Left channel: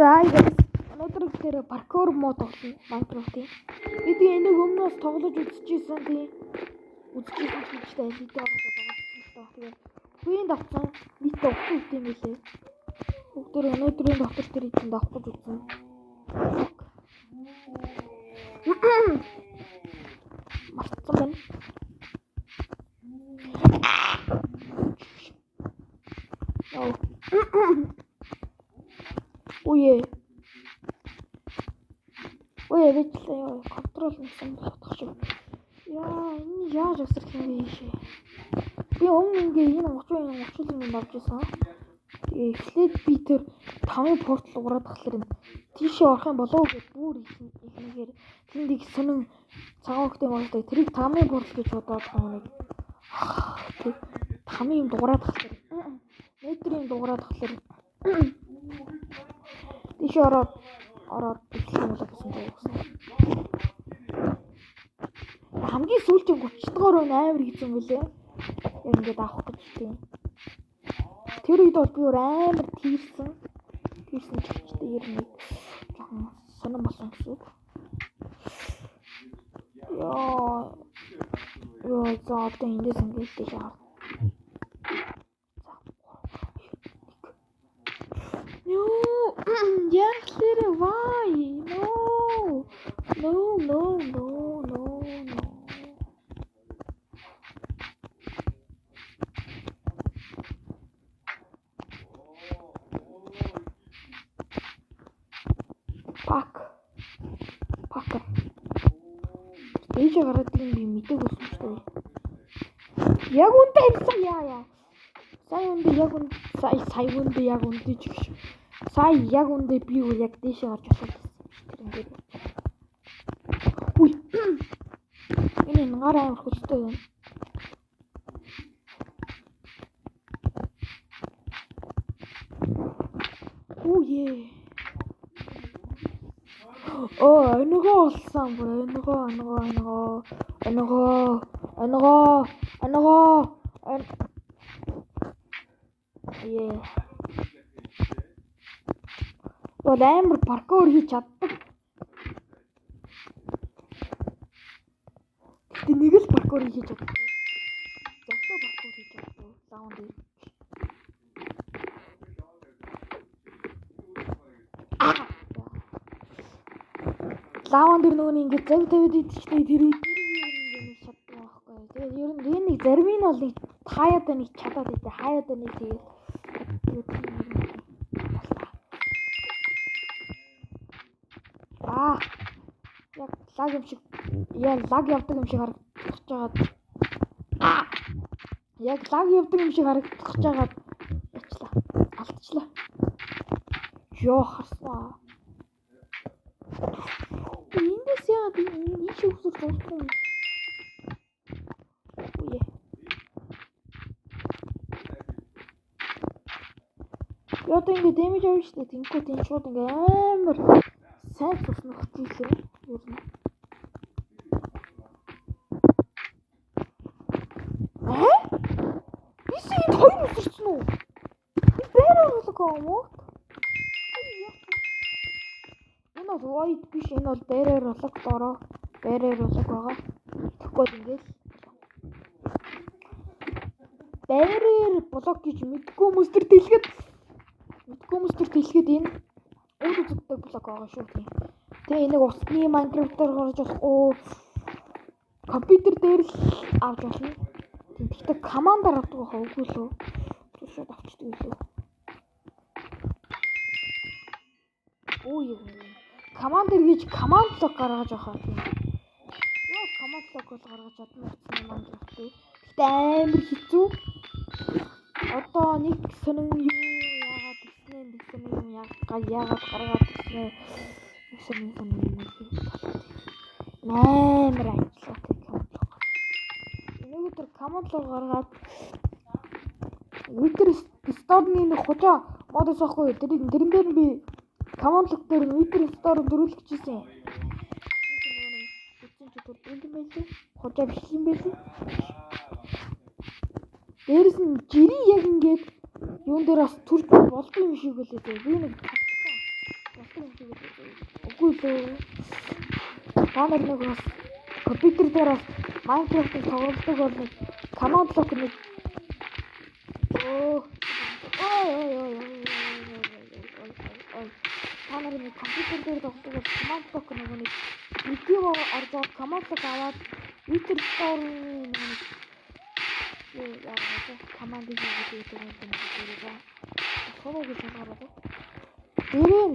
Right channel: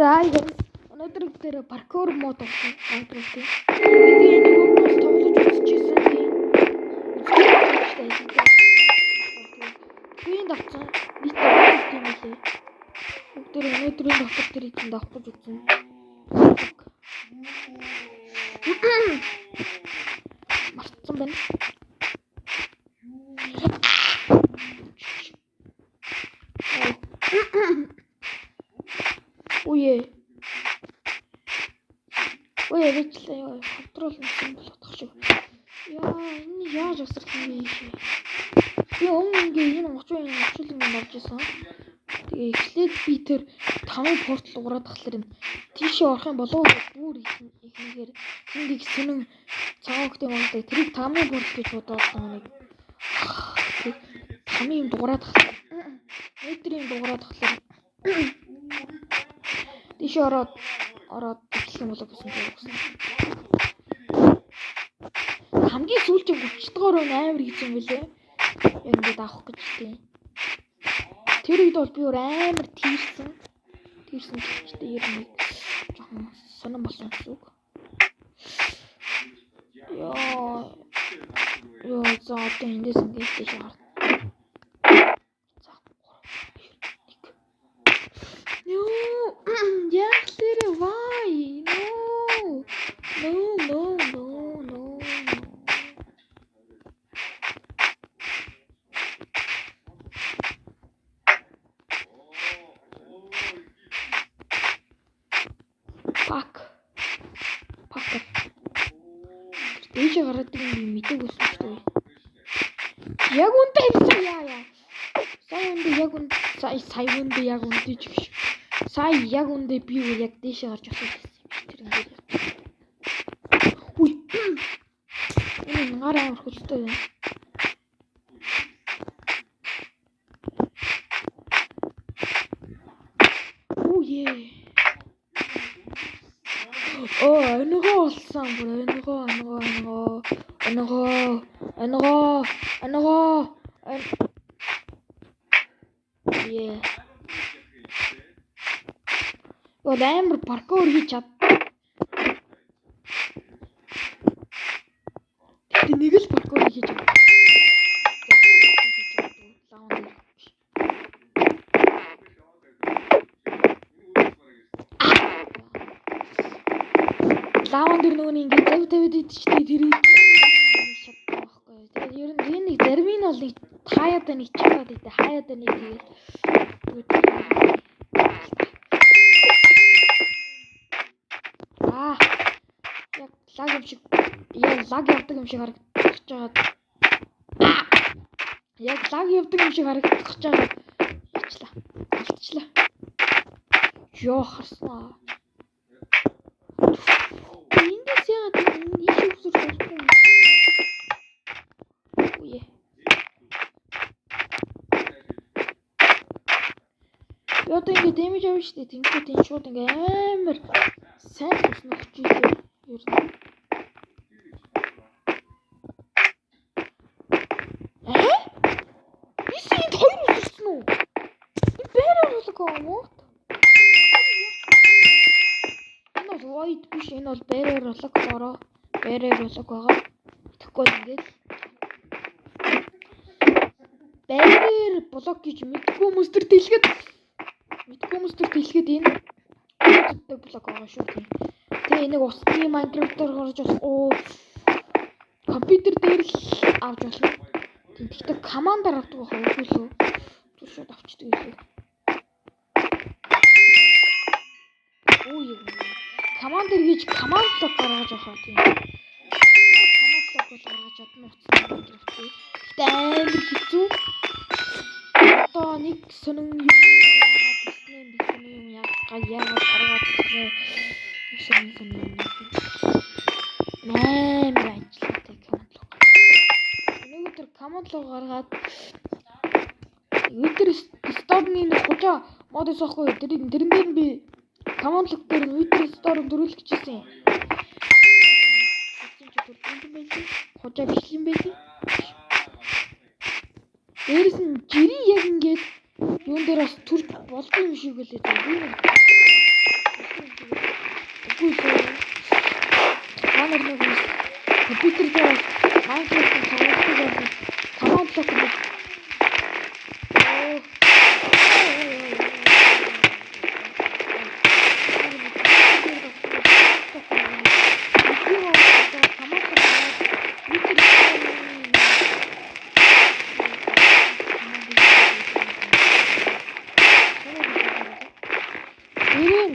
За өнөөдөр дээр паркур мод болсон Minecraft-ийн. Би энийг өмнөөс тоглож үзчихсэн тийм. Үзчихсэн ажил дээр. Гүйн давцсан нийт тоглох юм лээ. Бүгдээр өнөөдрийн доктор дээр эзэн давах гэж үзсэн. Мартсан байна. Ой яачлаа контрол хийсэн болохох шүү. Энэ яаж авсарсан бэ ийшээ. Би өмнө ингээ энэ 30 минут орж исэн. Тэгээ эхлээд би тэр 5 портал ураад тахлаар тийшээ орох юм болов уу бүр ихнийгээр тэндийг сүнэн цагаахтай болдог. Тэрийг 5 портал гэж бодоод нэг 5 юм дуураад тахлаар метрийн дуураад тахлаар тийшээ ороод эхлэх юм болоо гэсэн юм байна. Хамгийн сүүлчийн 30 дугаар амар гэж юм бэлээ. Яг ингээд авах гэж тийм. Тэр үед бол би амар тийрсэн гэвчтэй ер нь жоохон сонирн болсон гэсэн үг. Ёо за одоо эндээс ингээд тийш орно. Why? No. Fuck. Дээш гараад би мэдээг өссөн шүү дээ. Яг үнтэй хэлсэн яа. Сая үндэ ч гэж. Сая яг үндэ би яг дээш гарч осоод байсан юм чи тэр ингээд. Үй. Энэ гараа амар хөстэй байна. Энэгээ олсон бүр энэгээ. Гол амар паркур хийж чаддаг. Тэг нэг л паркур хийж чаддаг. Лаван дээр нөгөө ингэ зав тавиад идчихтэй тэр чаддаг байхгүй. Тэгээд ер нь нэг зарим нь бол нэг хаяада нэг чадаад идэ. Хаяада нэг тэгээд лаг явдаг юм шиг харагдаж байгаа. Яг лаг явдаг юм шиг харагдаж байгаа. Алдчихлаа. Ёо харснаа. Эндээс яагаад ийш үсэр дууссан юм? Одоо ингэ дэмэж авна шүү дээ. Тэнгүүд энэ шууд ингэ амар сайн туснах хүчтэй ер нь. Бисэнд хоёр үсэрсэн үү? Би бэрээр болоо муу. Энэ бол void биш, энэ бол бэрээр болоо бороо. Бэрээр болоо байгаа. Тэгэхгүй ингээд бэрээр блок гэж мэдгүй мөстөр дэлгээд энэ үүсдэг блок байгаа шүү тийм. Тэгээ энийг усны Minecraft-аар гаргаж компьютер дээр л авч болно. Тэгтээ командаар авдаг байх үгүй лөө. Шууд авчдаг илүү. Командэр гэж команд блок гаргаж авах тийм. Команд блок бол гаргаж чадна усны Minecraft-ийг. Тэгтээ амар хэцүү. Одоо нэг сонин юм яагаад гаргаад ирсэн амар ажиллаатай командлог гаргаад Wither Store-ны нэг хужаа мод өсөхгүй тэрэн дээр би командлог дээр Wither Store дөрүүлэх гэжсэн. Хужаа биш юм байли. Дээрээс нь жири яг ингээд юун дээр бас төрж болдгүй юм шиг үлээ. Би нэг Та нар нэг бас компьютер дээр Minecraft-ийг тоглодог бол command block нэг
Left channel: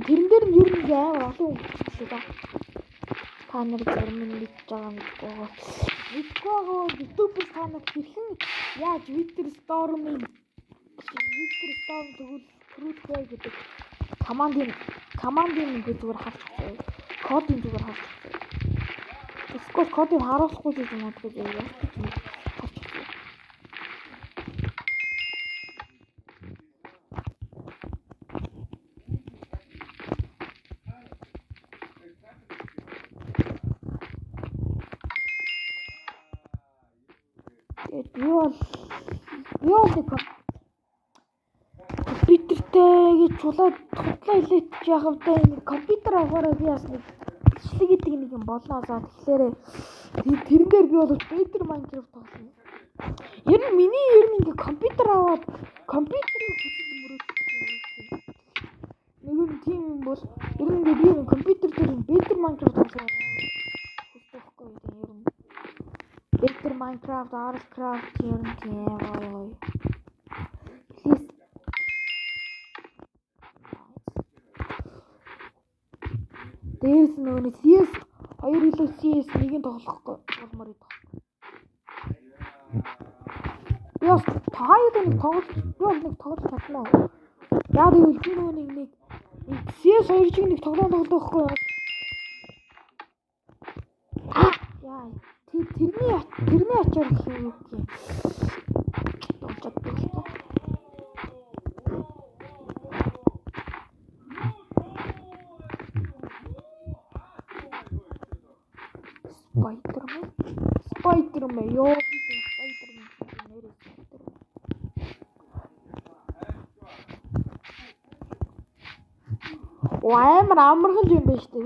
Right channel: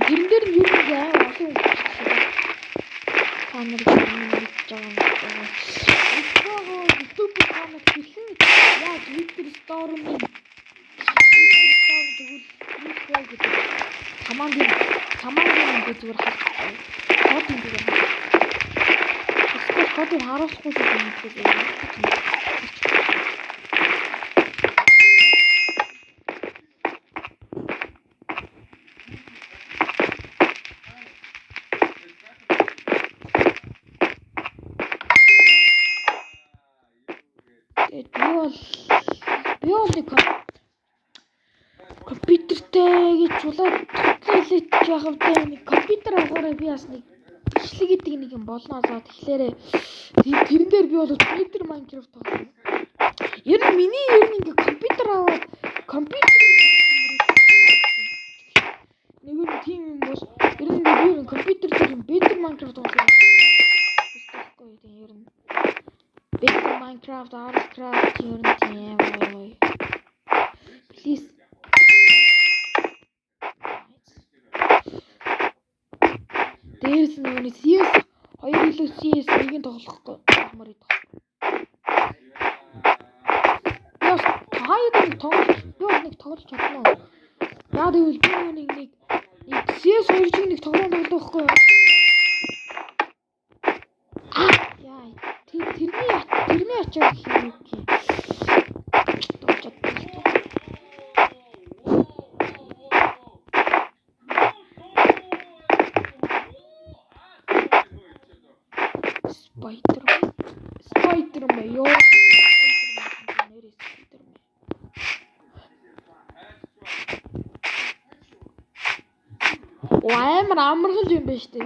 тэрэн дээр нь юу нэг амар олон үг хэлсэн байна. Та нар тэрнийг мэдж байгаа юм байна. YouTube канал хэлсэн яг Victor Storm-ийн тэгвэл Cruise гэдэг командын би зүгээр харахгүй. Кодын зүгээр харахгүй. Эсвэл кодыг харуулахгүй юм байна. Би бол компьютертэй гэж чулаад тутлаа хэлээд яхав та нэг компьютер аваараа би бас нэг бичлэг гэдэг нэг юм болно заа тэгэхээр тэрэн дээр би бол Twitter Minecraft тоглосон. Ер нь миний ингээ компьютер аваад компьютерийг нэг юм тийм юм бол ер нь би компьютер дээр Better Minecraft тоглосон. Ер нь Better Minecraft, Artcraft ер нь тийм бай. Please. Дээрс нөгөө CS 2 илүү CS 1-ийг тоглохгүй болмоор идэх. Яс таад нэг тоглож чадна уу? Яа гэвэл би нэг CS 2 чиг нэг тоглоом тоглох байхгүй юу? Яа тэрний ачаар гэх юм уу? Spider-Man ёо. Амар амархан юм байна штэ.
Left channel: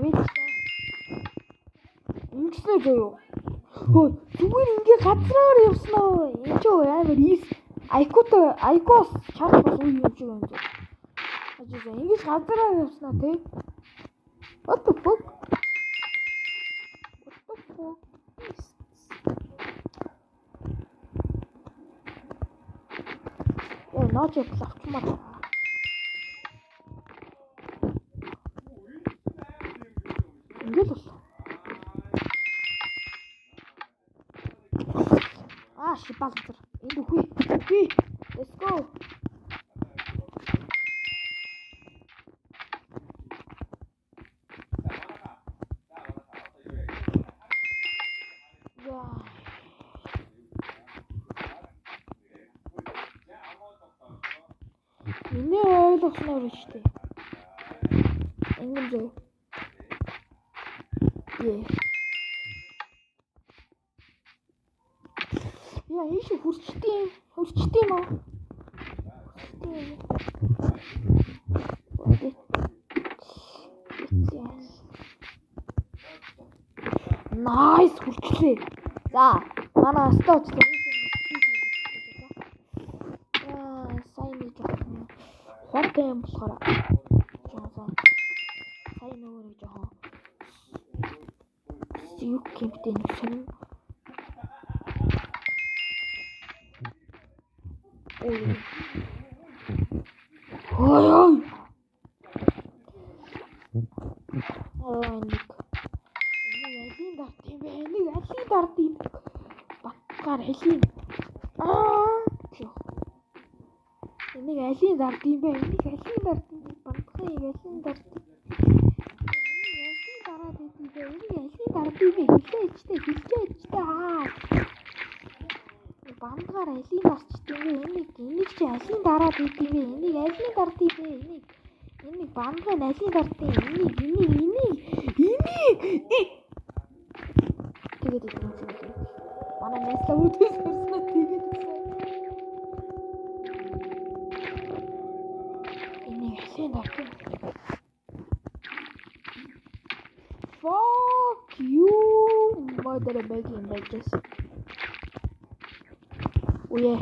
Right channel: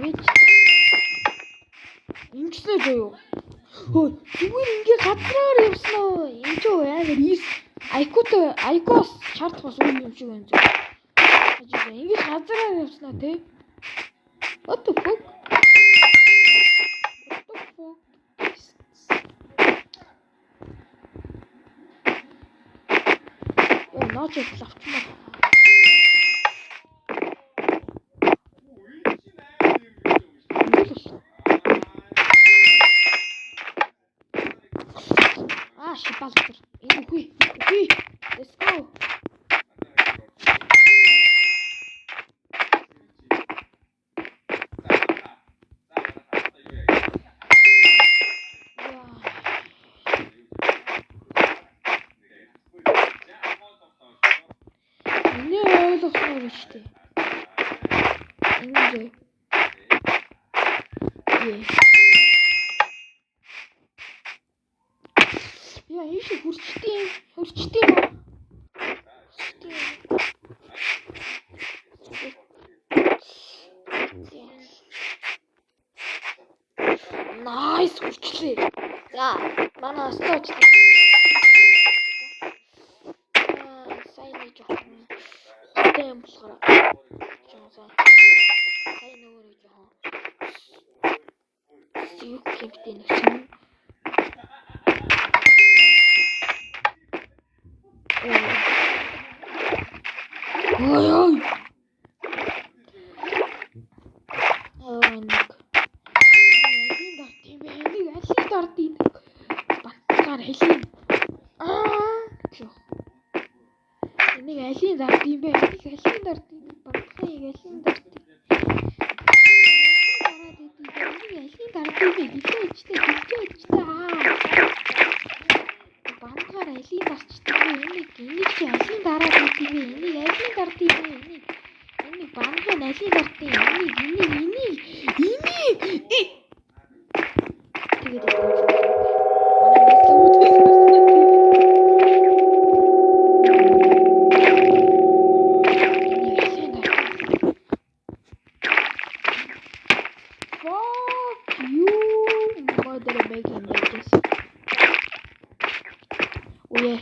Ингэсэн зөө. Хөө зүгээр ингээ газраар явсан уу? Энд ч амар айкос шаардлагаас үе юм шиг байна зөө. Ажиг ингээ газраар явсан тий. What the fuck? Ночь плавчмар. Шипалтер. Хүй. Let's go. Штэ. Ингэ. Яа, ийш хурцтай юм уу? Nice хурцлээ. За, манай остоочлаа. Сайн нэг жоохон хортой юм болохоор хай нөгөө жоохон юу гэмтэй нэг юм. Ой. Нэг дартын. Батгаар хэлин. Энийг алин дард юм бэ? Энийг алин дард юм. Батхыг алин дард. Энийг дараад идэв. Энийг алин дард юм бэ? Хилээчтэй. Бандгаар алин дарчдаг юм. Энийг чи алин дараад идэв. Энийг алин дард юм бэ? Энийг бандгаар алин дард юм. Энийг. Тэгээд манай нэслэ үүдээс гарсан тийм. Fuck you. дээр бэг юм байж. Үе.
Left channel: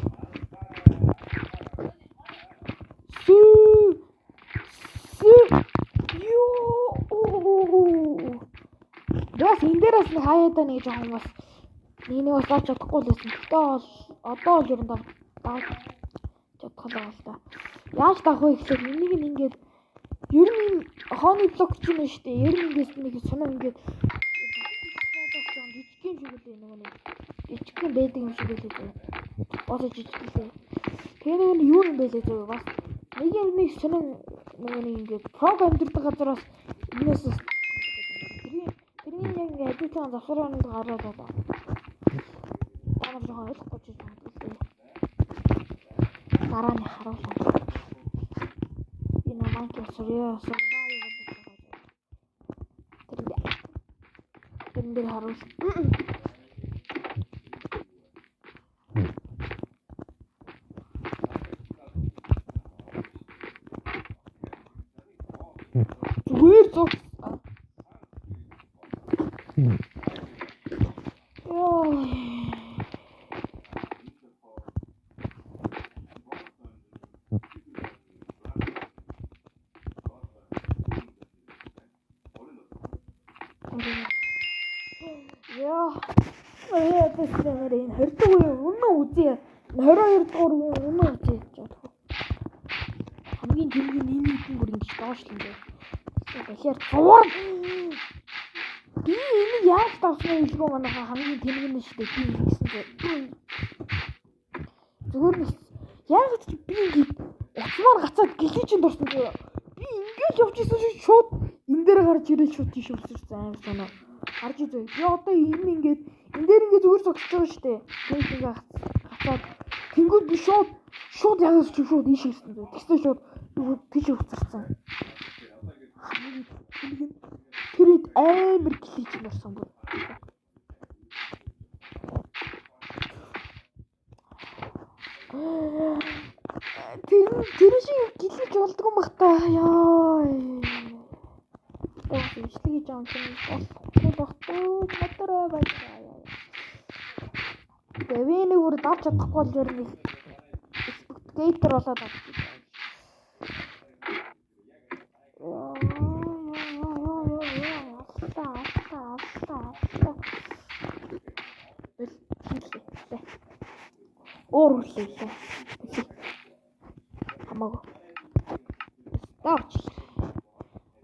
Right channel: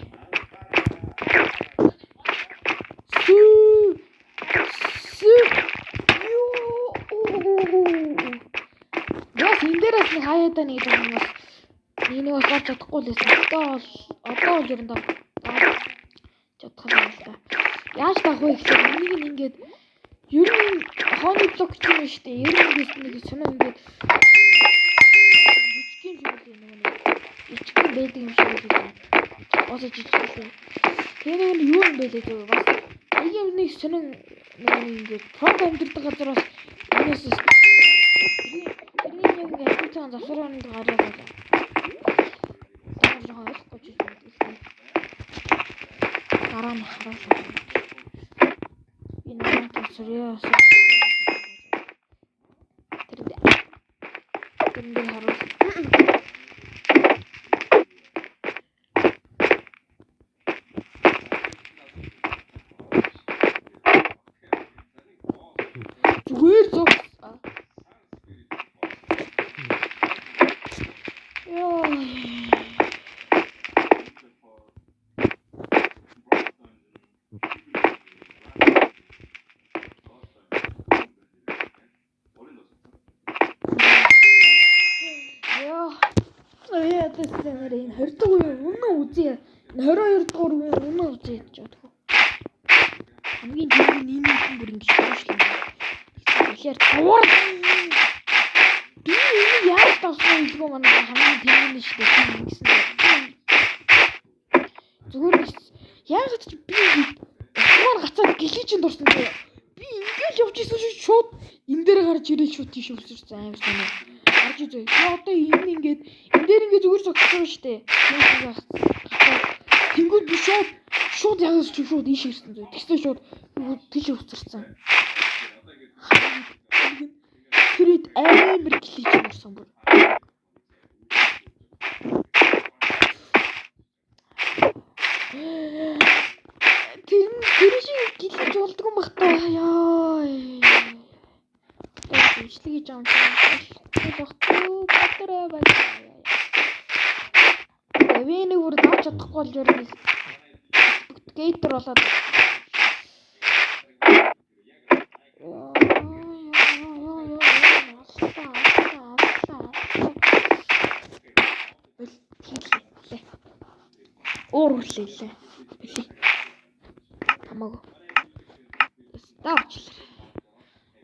Яс энэ дээрээс нэг хаяад байна гэж байгаа юм бас. Энийг бас олж чадахгүй л байсан. Одоо бол ер нь даа чадах юм байна л да. Яаж таах вэ гэхээр энийг ингээд ер нь хооны блок гэж юм шүү дээ. Ер нь нэг сонир ингээд жижигхэн шиг л нэг жижигхэн байдаг юм шиг л байна. Осоо жижигхэн. Тэгээ нэг юу юм бэ лээ зөө бас. Нэг сонир нэг ингээд прог амьддаг газараас энэс тэрний яг яг завсраад гараад байна. Дараа жоохон ойлгохгүй ч юм уу. Дараа нь харуулсан. Би нэг төсрөөс тэр харуулсан. Зүгээр зөв. Энэ 20 дугаар үнэн үзье. 22 дугаар үнэн үзье гэж бодох. Хамгийн дөрвийн энэ бүр ингэж доошлоо. Тэгэхээр цувар. Би энэ яаж тавсан илгөө манай хамгийн тэмнэн шүү дээ. Би ингэсэн. Зүгээр биш. Яг ч би уцмаар гацаад гэлээчэнд орсон зөө. Би ингэж явж исэн шууд энэ дээр гарч ирэл шууд тийш өсөрсөн амар санаа. Харж үзье. Би одоо энэ ингээд энэ дээр ингээд зүгээр зогсож байгаа шүү дээ. Тэнгүүд би шууд яг шууд ийш ирсэн зөө. Тэгсэн шууд тийш өсөрсөн. Тэрд амар гэлээч орсон бүр. Тэр шиг гэлээж болдгоо юм бах та. Яа. Ижлэг гэж юм чинь болохгүй батараа байна. Эвэнийг бүр давж чадахгүй л ер нь гейтер болоод. Уурлээ. Хамаагүй. Ставчлаа.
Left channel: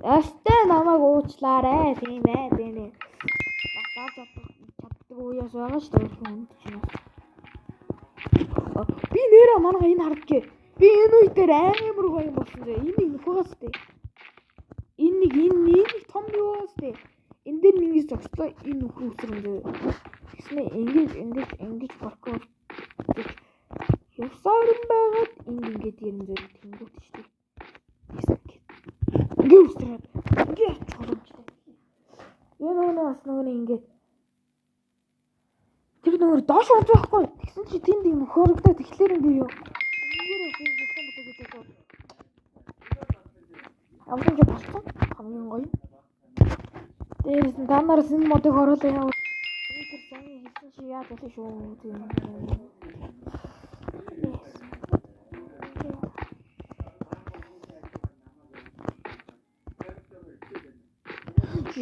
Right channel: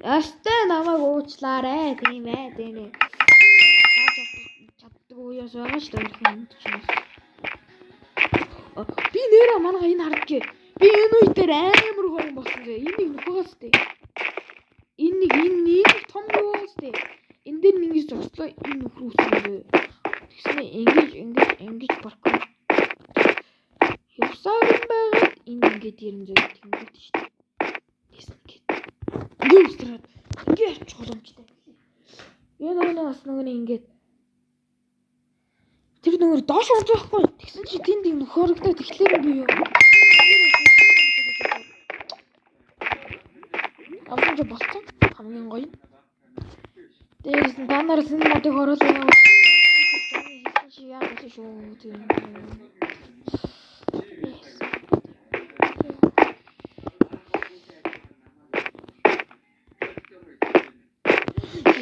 Ястай намайг уучлаарэ тийм ээ. Чаддаг уяас байгаа шүү дээ юм чинь. Би нэрээ манайха энэ хардгий. Би энэ үе дээр амар гоё юм болсон зэ. Энийг нөхөөс дээ. Энэ том юус дээ. Энд дээр нэг зогслоо энэ нөхөр үсэн зэ. Тэгснэ ингэж паркур. Явсаар юм байгаад энэ ингэж ирэн зэ тэнгүүд шүү дээ. Ингээ явчих боломжтой. Энэ бас нөгөө ингээд тэр нөгөө доош орж байхгүй. Тэгсэн чи тэнд юм нөхөрөгдөө тэгэхээр би юу. Амтж болцсон. Хамгийн гоё. Дээрээс нь та нараас энэ модыг оруулаа яа. Хэлсэн чи яа гэсэн шүү тийм.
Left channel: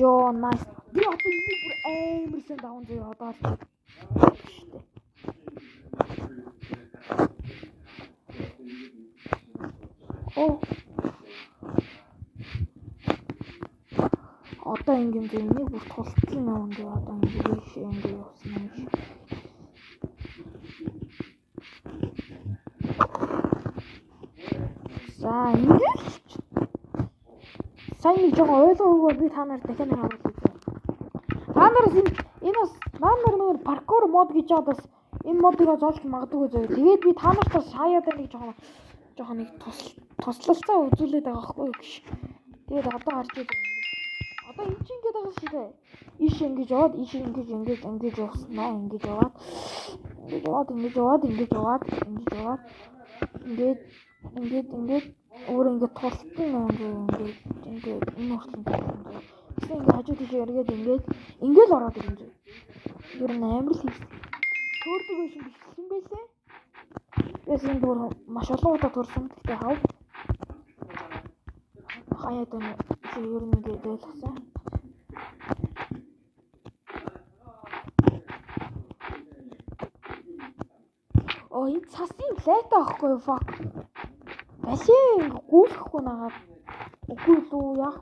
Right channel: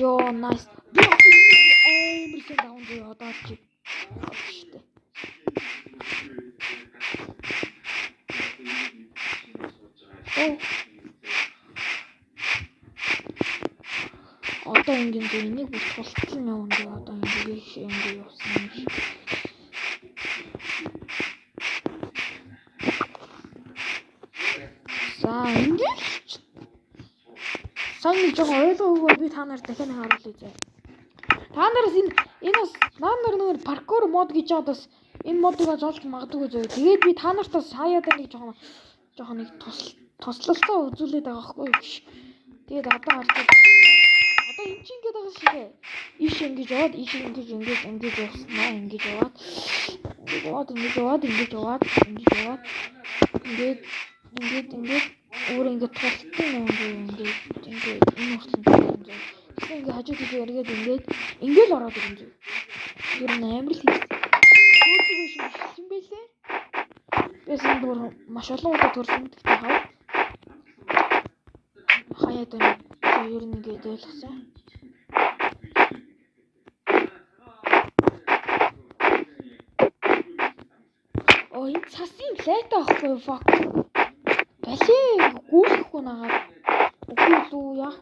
Йоо, nice. Би амарсан даун зөө одоо чи. Штэ. Оо. Одоо ингэ энийг бүр тултал явна дээ одоо ингэ явсан юм шиг. За ингэ сайн нэг жоо ойлгоогүй би та нарт дахиад харуулъя зөө. Та нараас энэ бас нар нэг паркур мод гэж жаад бас энэ модыг зоолж магадгүй зөө. Тэгээд би та нартаас хаяад нэг жоохон нэг туслалцаа үзүүлээд байгаа байхгүй юу гэж. Тэгээд одоо харж одоо энэ чинь ингээд байгаа шиг ээ. Иш ингэж яваад ингэж явснаа ингэж яваад ингээд өөр ингээд тултсан юм ингээд энэ уртлан тэгсэн ингээд хажууд тийш эргээд ингээд ороод ирэн зөө. Ер нь амар л хийсэн. Төрдөг биш юм байлээ. Бис энэ бүр маш олон удаа төрсөн. Гэхдээ хав. Хаяа даа ер нь ингэж ойлгосон. Оо энэ цасын лайт аахгүй fuck. Балээ гүйлэхгүй нагаад. Үгүй лүү яах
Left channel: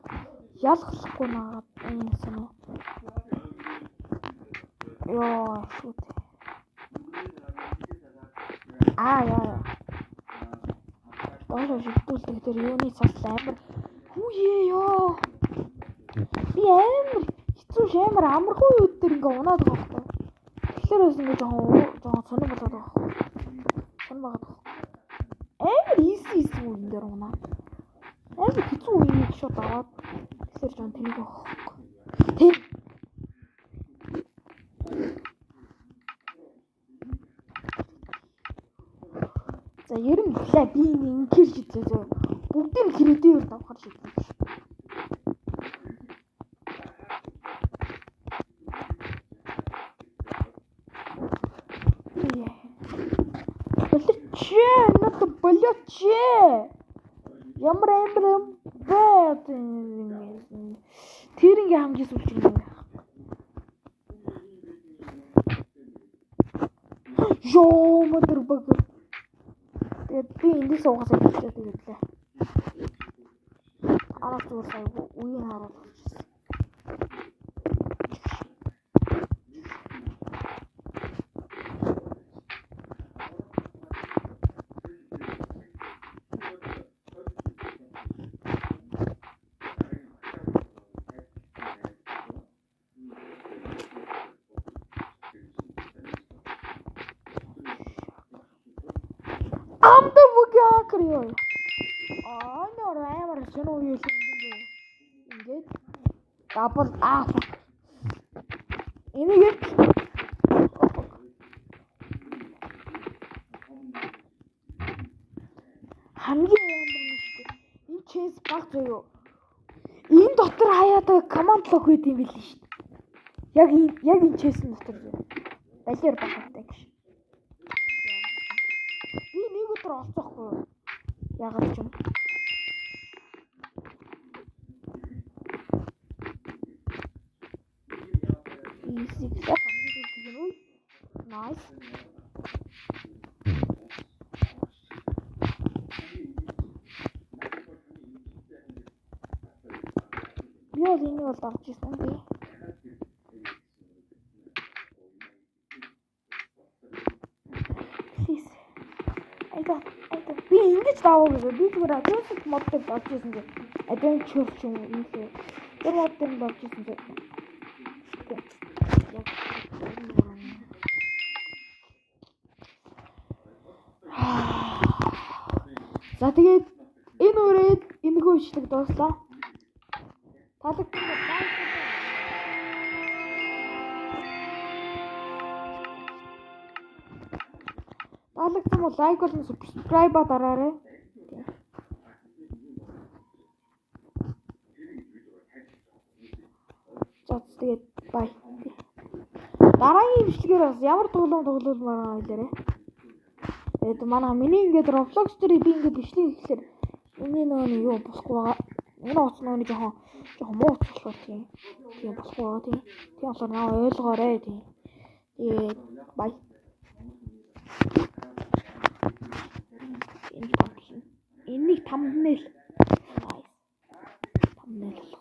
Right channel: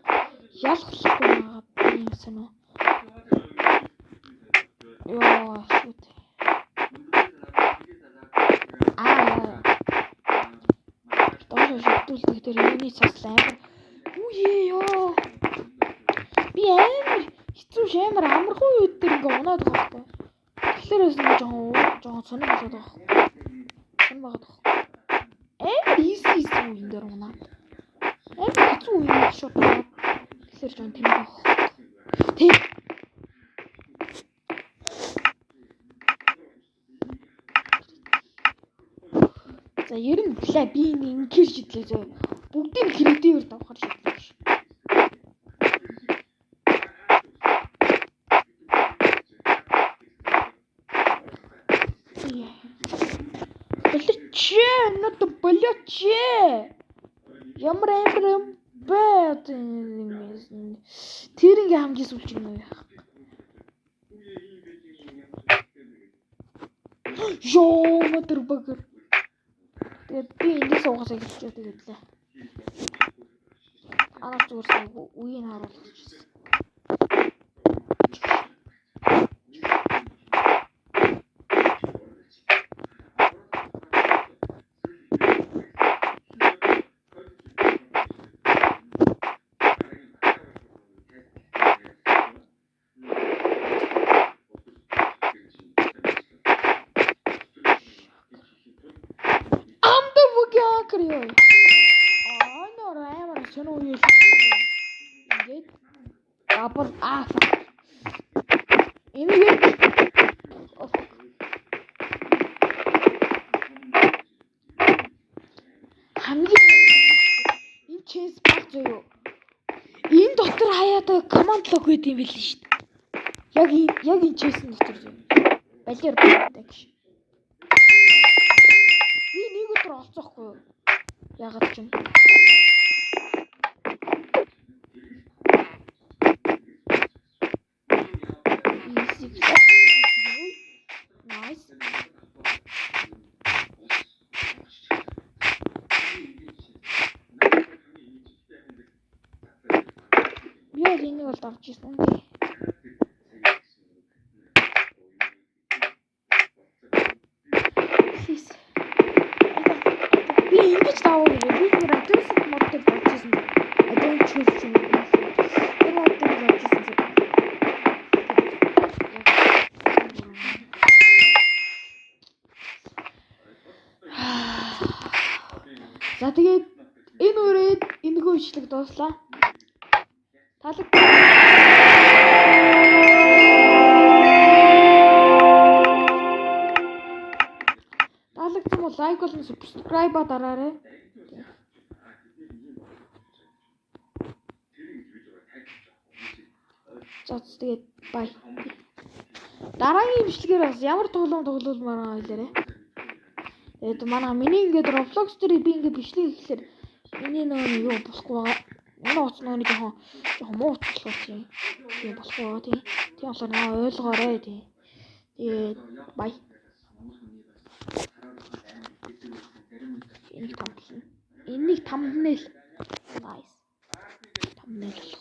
ялгалахгүй нагаад юм санаа. Яа шүт. Яа. Тоош шигтүүлдэг дээр юуны цас амар. Үе ёо. Би амар хэцүү шамар амархан үед дээр ингээ унаад байгаа байхгүй. Тэгэхээр нэг жоохон сонир болоод байгаа байхгүй. Сонир байгаад байгаа. Амар easy үеийн дээр унаад. Амар хэцүү үеийн шууд аваад. Тэгэхээр жоохон тэнэг байгаа. Тэг. За ер нь би ингээр шидлээ зөө. Бүгдийг кредитээр давхар шидлээ ш. Болоче. Ямар бэт. Тэр ингээ хамжиж үлж юм байна. Ёо модер баг. Тэгээд би эндээс угаасаа хэлчихээ тэгэлээ. Арга зүгээр үеийг харуулах гэсэн. Крио. Нор амар сонио юу ингээд дабл Энийг хамгийн энэ чейс баг зөө. Энэ дотор хаяада команд лог гэдэг юм байл шүү дээ. Яг энэ чейсэн дотор зөө. Балер багтай гэж. Би нэг өдөр олцоохгүй юу? Ягаад ч юм. Nice. Би энийг бол авч ирсэн тий. Би ингэж даваа гэж би тэр агрессив модтой болж ирсэн. I don't choose you. Тэр модтой болж ирсэн. За тэгээд энэ үрээд энэхүү ишлэг дууслаа. Таалагдсан бол лайк болон subscribe дараарай. За тэгээд бай. Дараагийн бичлэгээр бас ямар тоглоомаар хэлээрэй. Тэгээд манай миний ингээд Roblox дээр би ингээд бичлэг хийхлээр миний нөө юу болохгүй байгаа. Энэ утас нөө жоохон муу утас тийм. Тийм болохгүй байгаа тийм. Тийм болохоор наа ойлгоорой тийм. Тэгээд бай. Энийг thumbnail. Nice. Thumbnail.